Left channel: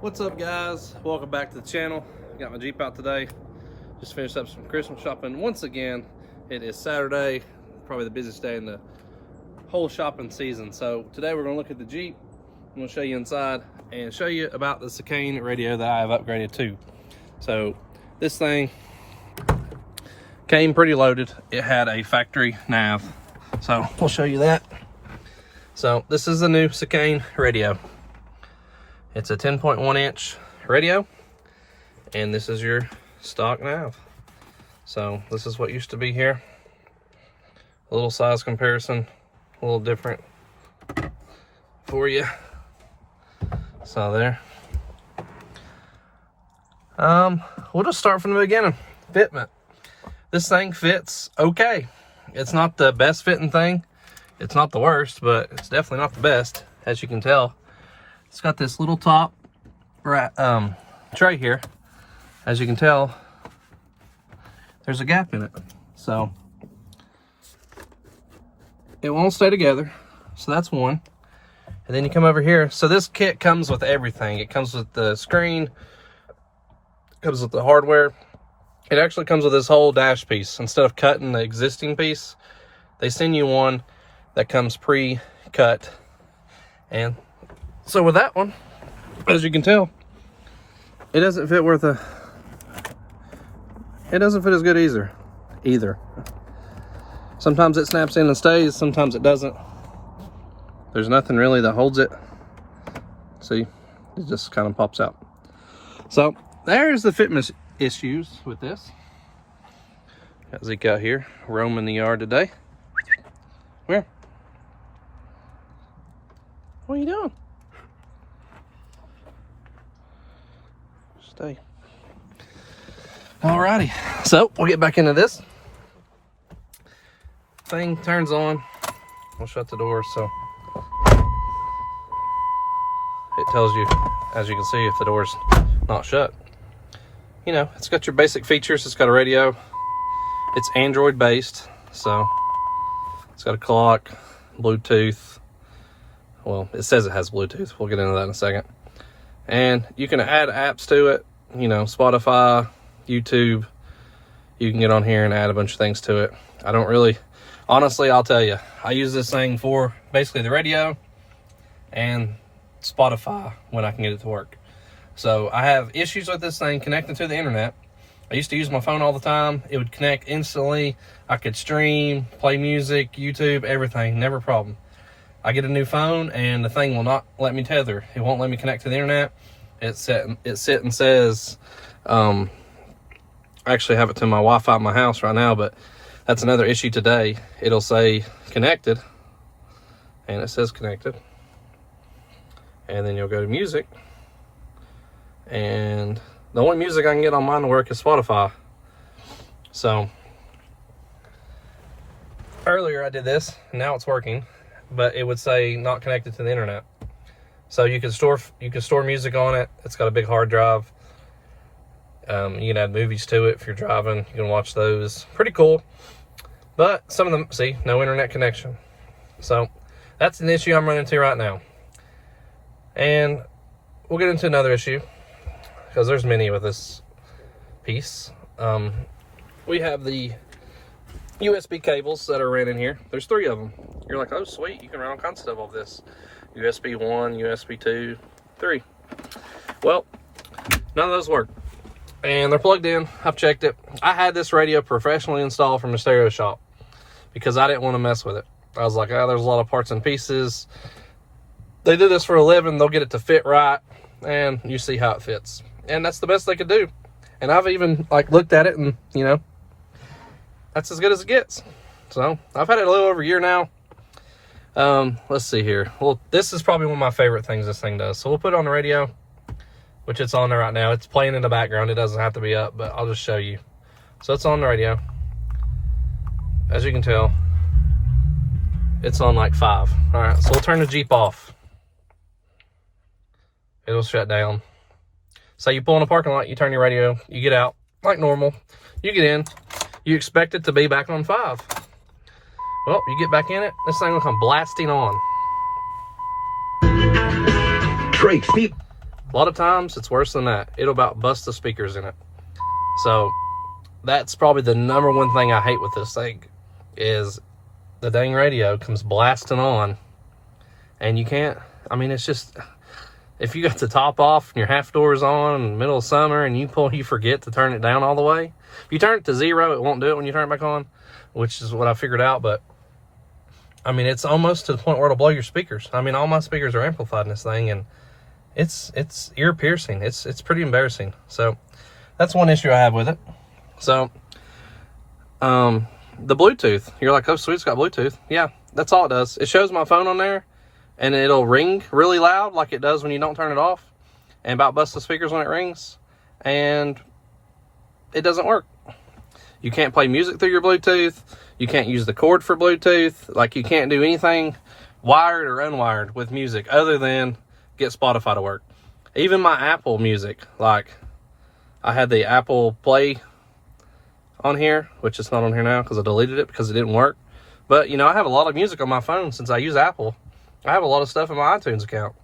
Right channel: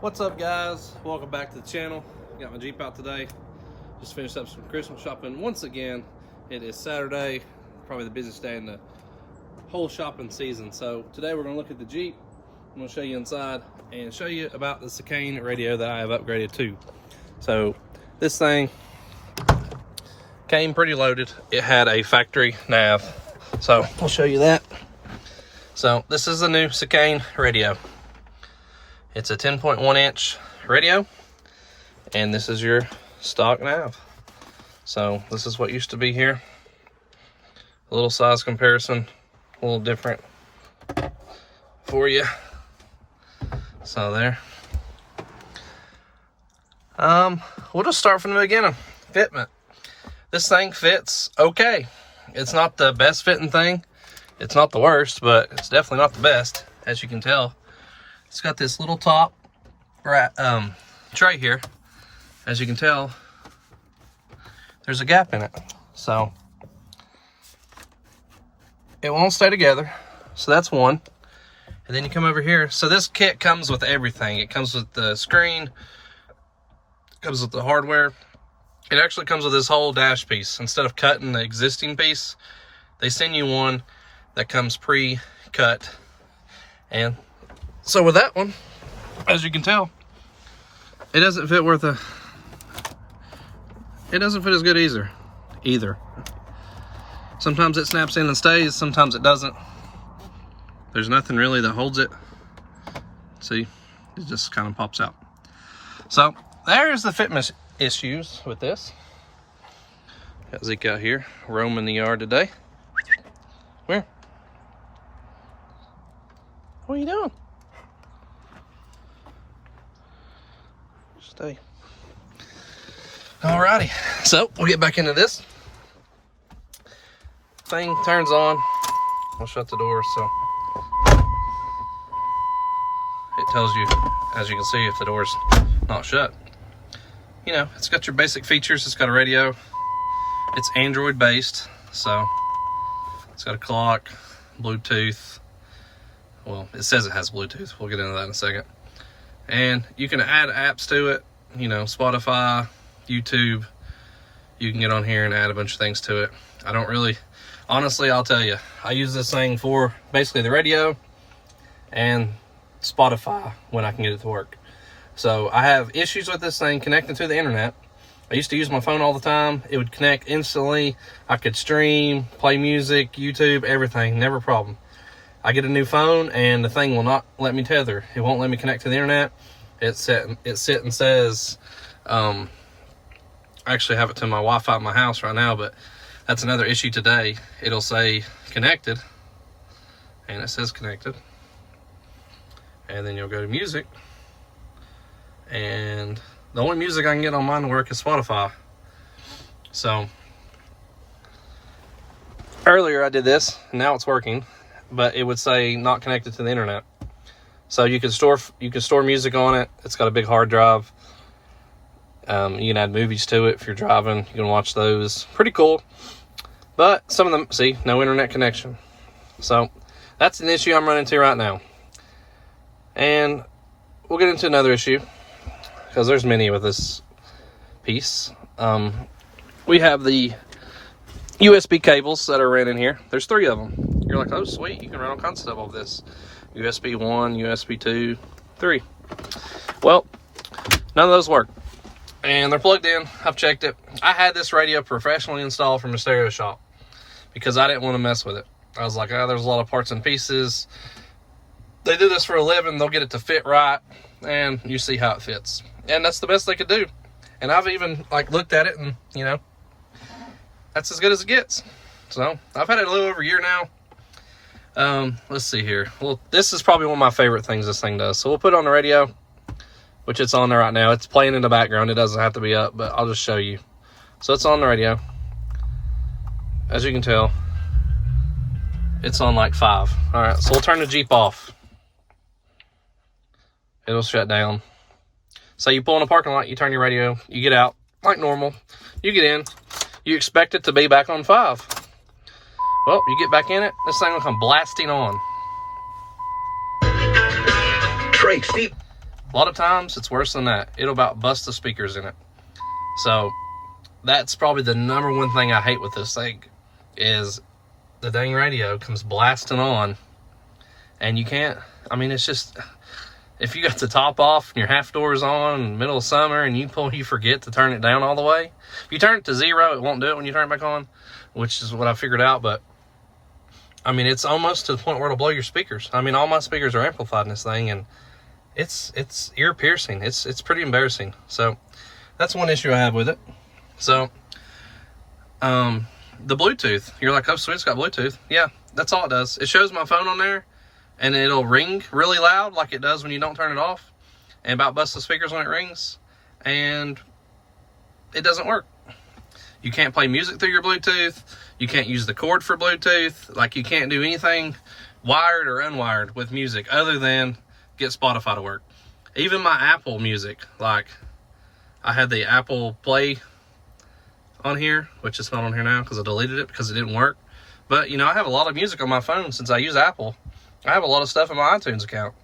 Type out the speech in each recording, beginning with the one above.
What's up, guys? Welcome back to the channel. Got my Jeep out today. Just finished up some Christmas shopping. Once again, it is Saturday, probably the busiest day in the whole shopping season. So today we're going to look at the Jeep. I'm going to show you inside and show you about the Sakane radio that I have upgraded to. So this thing came pretty loaded. It had a factory nav. So we'll show you that. So this is the new Sakane radio. It's a 10.1 inch radio, and this is your stock nav. So this is what used to be here. A little size comparison, a little different for you. So there. We'll just start from the beginning. Fitment. This thing fits okay. It's not the best fitting thing. It's not the worst, but it's definitely not the best, as you can tell. It's got this little top tray here. As you can tell, there's a gap in it. So it won't stay together. So that's one. And then you come over here. So this kit comes with everything. It comes with the screen. It comes with the hardware. It actually comes with this whole dash piece. Instead of cutting the existing piece, they send you one that comes pre-cut. And so with that one, as you can tell, it doesn't fit it doesn't fit as good either. Sometimes it snaps in and stays, sometimes it doesn't. There's nothing really that holds it. See, it just kind of pops out. So there's the fitment issues with this. Got Zeke out here roaming the yard today. Where? What are you doing? Stay. Alrighty, so we'll get back into this. Thing turns on. We'll shut the door so it tells you, as you can see, if the door's not shut. You know, it's got your basic features. It's got a radio. It's Android based, so it's got a clock, Bluetooth. Well, it says it has Bluetooth. We'll get into that in a second. And you can add apps to it, you know, Spotify, YouTube. You can get on here and add a bunch of things to it. I don't really, honestly, I'll tell you, I use this thing for basically the radio and Spotify when I can get it to work. So I have issues with this thing connecting to the internet. I used to use my phone all the time. It would connect instantly. I could stream, play music, YouTube, everything, never a problem. I get a new phone and the thing will not let me tether. It won't let me connect to the internet. It sit and says, I actually have it to my Wi-Fi in my house right now, but that's another issue today. It'll say connected, and it says connected. And then you'll go to music, and the only music I can get on mine to work is Spotify. So earlier I did this, and now it's working, but it would say not connected to the internet. So you can store music on it. It's got a big hard drive. You can add movies to it if you're driving. You can watch those. Pretty cool. But some of them, see, no internet connection. So that's an issue I'm running into right now. And we'll get into another issue, because there's many with this piece. We have the USB cables that are running here. There's 3 of them. You're like, oh sweet, you can run all kinds of stuff off this. USB 1, USB 2, 3. Well, none of those work. And they're plugged in. I've checked it. I had this radio professionally installed from a stereo shop because I didn't want to mess with it. I was like, oh, there's a lot of parts and pieces. They do this for a living. They'll get it to fit right, and you see how it fits. And that's the best they could do. And I've even looked at it, and you know, that's as good as it gets. So I've had it a little over a year now. Let's see here. Well, this is probably one of my favorite things this thing does. So we'll put it on the radio, which it's on there right now. It's playing in the background. It doesn't have to be up, but I'll just show you. So it's on the radio. As you can tell, it's on like 5. All right, so we'll turn the Jeep off. It'll shut down. So you pull in a parking lot, you turn your radio, you get out like normal. You get in, you expect it to be back on 5. Well, you get back in it, this thing will come blasting on. Trey, Steve. A lot of times it's worse than that. It'll about bust the speakers in it. So that's probably the number one thing I hate with this thing, is the dang radio comes blasting on, and you can't, I mean, it's just, if you got the top off and your half door's on in the middle of summer and you forget to turn it down all the way. If you turn it to 0, it won't do it when you turn it back on, which is what I figured out. But I mean, it's almost to the point where it'll blow your speakers. I mean, all my speakers are amplified in this thing, and it's ear piercing. It's pretty embarrassing. So that's one issue I have with it. So the Bluetooth, you're like, oh sweet, it's got Bluetooth. Yeah, that's all it does. It shows my phone on there, and it'll ring really loud like it does when you don't turn it off, and about bust the speakers when it rings, and it doesn't work. You can't play music through your Bluetooth. You can't use the cord for Bluetooth. Like, you can't do anything wired or unwired with music other than get Spotify to work. Even my Apple Music, like, I had the Apple Play on here, which is not on here now because I deleted it because it didn't work. But, you know, I have a lot of music on my phone since I use Apple. I have a lot of stuff in my iTunes account,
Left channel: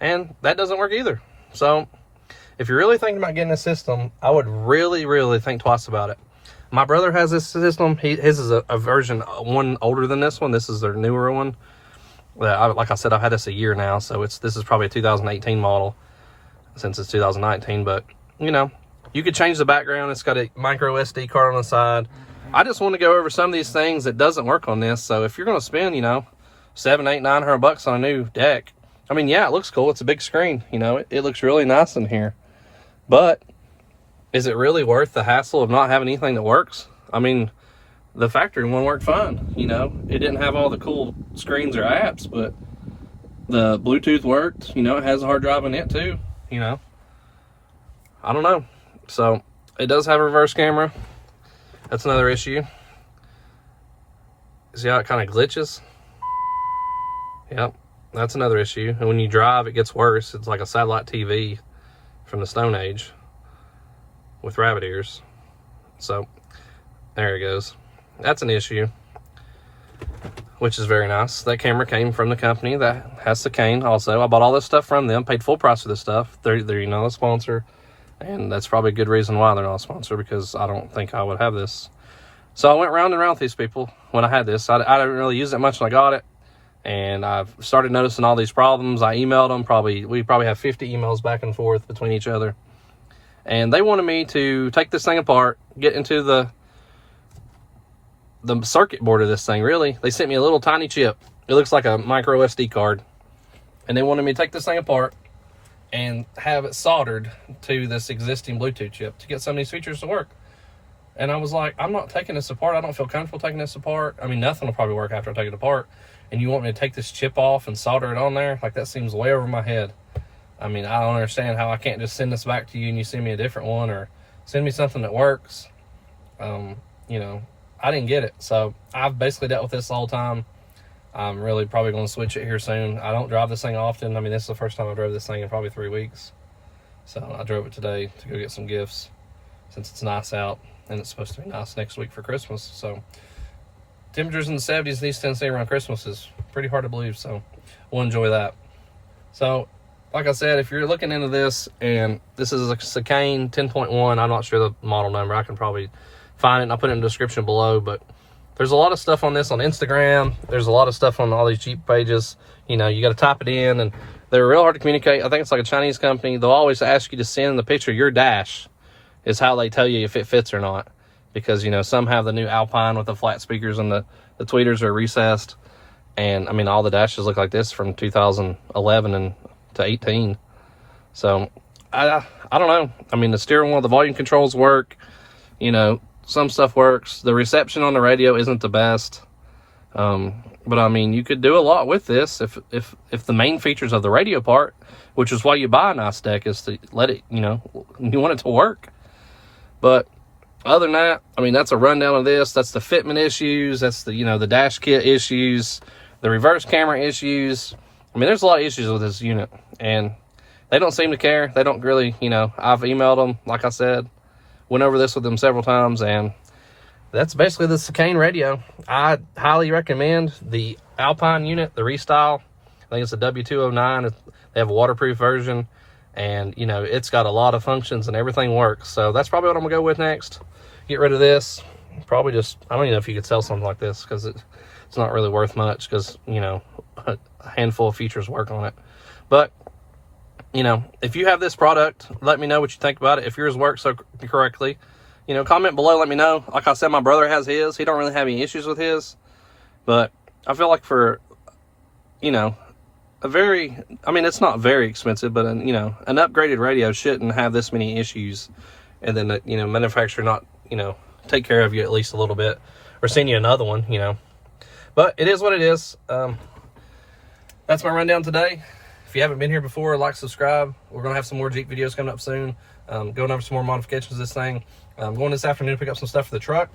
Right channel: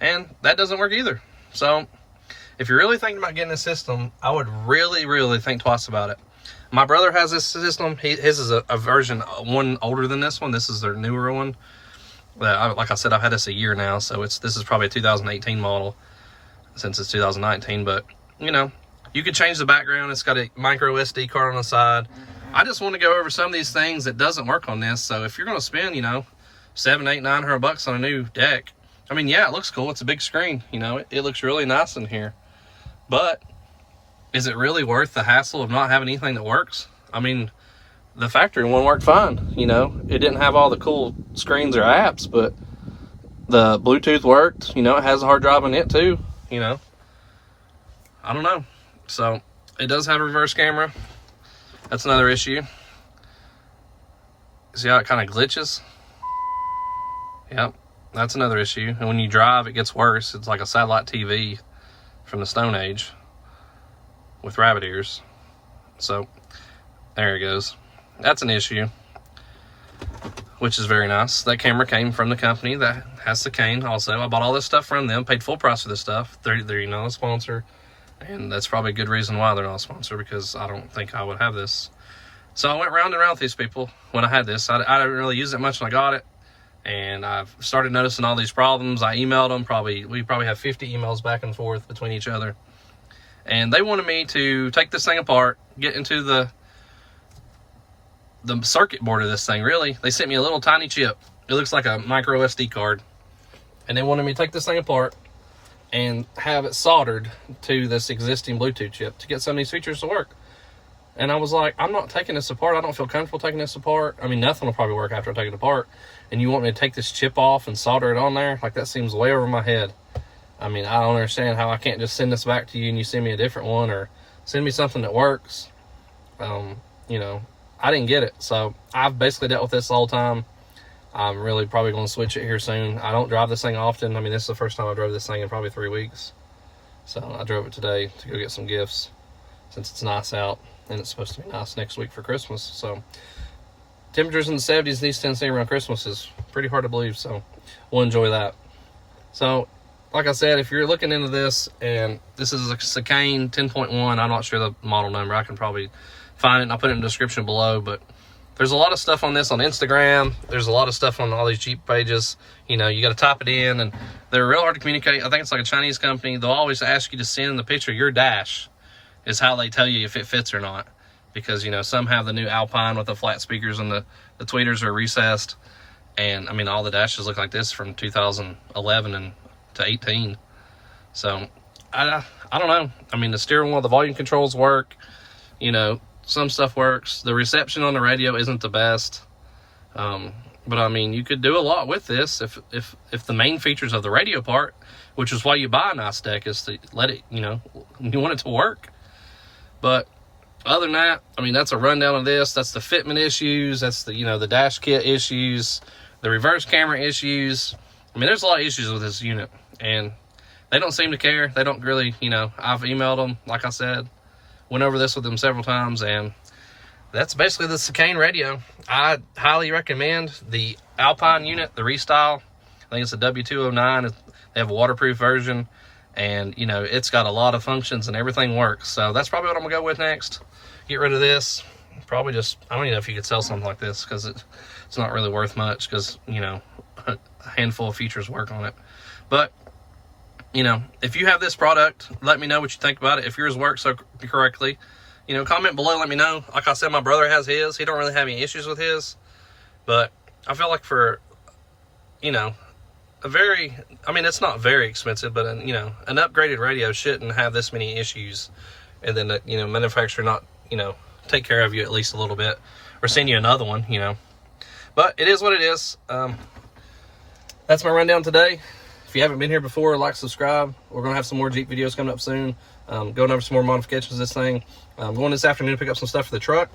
and that doesn't work either. So if you're really thinking about getting a system, I would really, really think twice about it. My brother has this system. His is a version one older than this one. This is their newer one. Like I said, I've had this a year now, so this is probably a 2018 model since it's 2019. But, you know, you could change the background. It's got a micro SD card on the side. I just want to go over some of these things that doesn't work on this. So if you're going to spend, you know, $700, $800, $900 on a new deck, I mean, yeah, it looks cool. It's a big screen. You know, it looks really nice in here. But is it really worth the hassle of not having anything that works? I mean, the factory one worked fine. You know, it didn't have all the cool screens or apps, but the Bluetooth worked. You know, it has a hard drive in it too. You know, I don't know. So it does have a reverse camera. That's another issue. See how it kind of glitches? Yep, that's another issue. And when you drive, it gets worse. It's like a satellite TV from the Stone Age with rabbit ears. So there it goes. That's an issue, which is very nice. That camera came from the company that has the cane also. I bought all this stuff from them, paid full price for this stuff. They're you know, a sponsor, and that's probably a good reason why they're not a sponsor, because I don't think I would have this. So I went round and round with these people when I had this. I didn't really use it much when I got it, and I've started noticing all these problems. I emailed them. We probably have 50 emails back and forth between each other. And they wanted me to take this thing apart, get into the circuit board of this thing, really. They sent me a little tiny chip. It looks like a micro SD card. And they wanted me to take this thing apart and have it soldered to this existing Bluetooth chip to get some of these features to work. And I was like, I'm not taking this apart. I don't feel comfortable taking this apart. I mean, nothing will probably work after I take it apart. And you want me to take this chip off and solder it on there? Like, that seems way over my head. I mean, I don't understand how I can't just send this back to you and you send me a different one, or send me something that works. You know, I didn't get it. So I've basically dealt with this the whole time. I'm really probably going to switch it here soon. I don't drive this thing often. I mean, this is the first time I drove this thing in probably 3 weeks. So I drove it today to go get some gifts since it's nice out, and it's supposed to be nice next week for Christmas. So temperatures in the 70s in East Tennessee around Christmas is pretty hard to believe. So we'll enjoy that. So like I said, if you're looking into this, and this is a Sakane 10.1, I'm not sure the model number. I can probably find it, and I'll put it in the description below. But there's a lot of stuff on this on Instagram. There's a lot of stuff on all these Jeep pages. You know, you got to type it in, and they're real hard to communicate. I think it's like a Chinese company. They'll always ask you to send the picture of your dash, is how they tell you if it fits or not. Because, you know, some have the new Alpine with the flat speakers, and the tweeters are recessed. And, I mean, all the dashes look like this from 2011 and to 18. So I don't know. I mean, the steering wheel, the volume controls work. You know, some stuff works. The reception on the radio isn't the best. But I mean, you could do a lot with this if the main features of the radio part, which is why you buy a nice deck, is to let it, you know, you want it to work. But other than that, I mean, that's a rundown of this. That's the fitment issues. That's the, you know, the dash kit issues, the reverse camera issues. I mean, there's a lot of issues with this unit, and they don't seem to care. They don't really, you know, I've emailed them, like I said, went over this with them several times, and that's basically the Sakane radio. I highly recommend the Alpine unit, the Restyle. I think it's a W209. They have a waterproof version, And, you know, it's got a lot of functions and everything works. So that's probably what I'm gonna go with next. Get rid of this. Probably just, I don't even know if you could sell something like this, because it's not really worth much, because, you know, a handful of features work on it. But, you know, if you have this product, let me know what you think about it. If yours works so correctly, you know, comment below, let me know. Like I said, my brother has his. He don't really have any issues with his. But I feel like for, you know, I mean, it's not very expensive, but, you know, an upgraded radio shouldn't have this many issues. And then, you know, manufacturer not, you know, take care of you at least a little bit, or send you another one, you know. But it is what it is. That's my rundown today. If you haven't been here before, like, subscribe. We're going to have some more Jeep videos coming up soon. Going over some more modifications of this thing. I'm going this afternoon to pick up some stuff for the truck.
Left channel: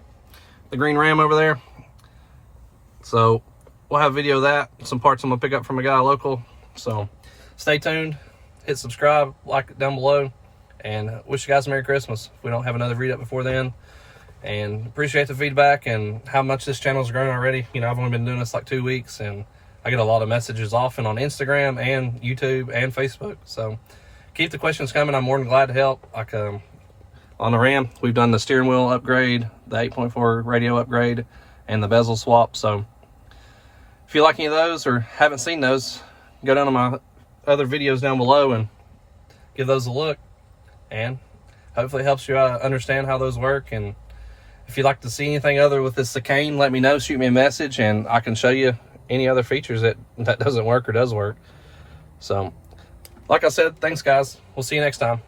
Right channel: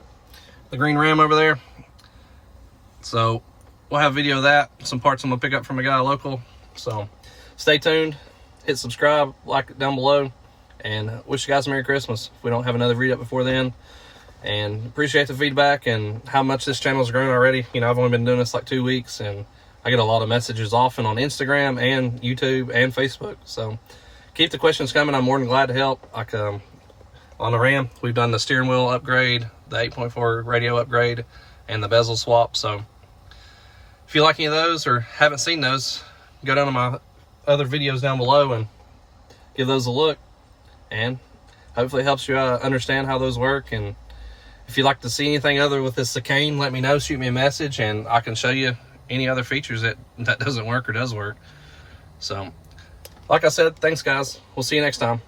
The green Ram over there. So we'll have a video of that. Some parts I'm going to pick up from a guy local. So stay tuned. Hit subscribe, like it down below. And wish you guys a Merry Christmas if we don't have another video up before then. And appreciate the feedback and how much this channel has grown already. You know, I've only been doing this like 2 weeks, and I get a lot of messages often on Instagram and YouTube and Facebook. So keep the questions coming. I'm more than glad to help. Like on the Ram, we've done the steering wheel upgrade, the 8.4 radio upgrade, and the bezel swap. So if you like any of those or haven't seen those, go down to my other videos down below and give those a look. And hopefully it helps you understand how those work. And if you'd like to see anything other with this chicane, let me know. Shoot me a message, and I can show you any other features that doesn't work or does work. So, like I said, thanks, guys. We'll see you next time.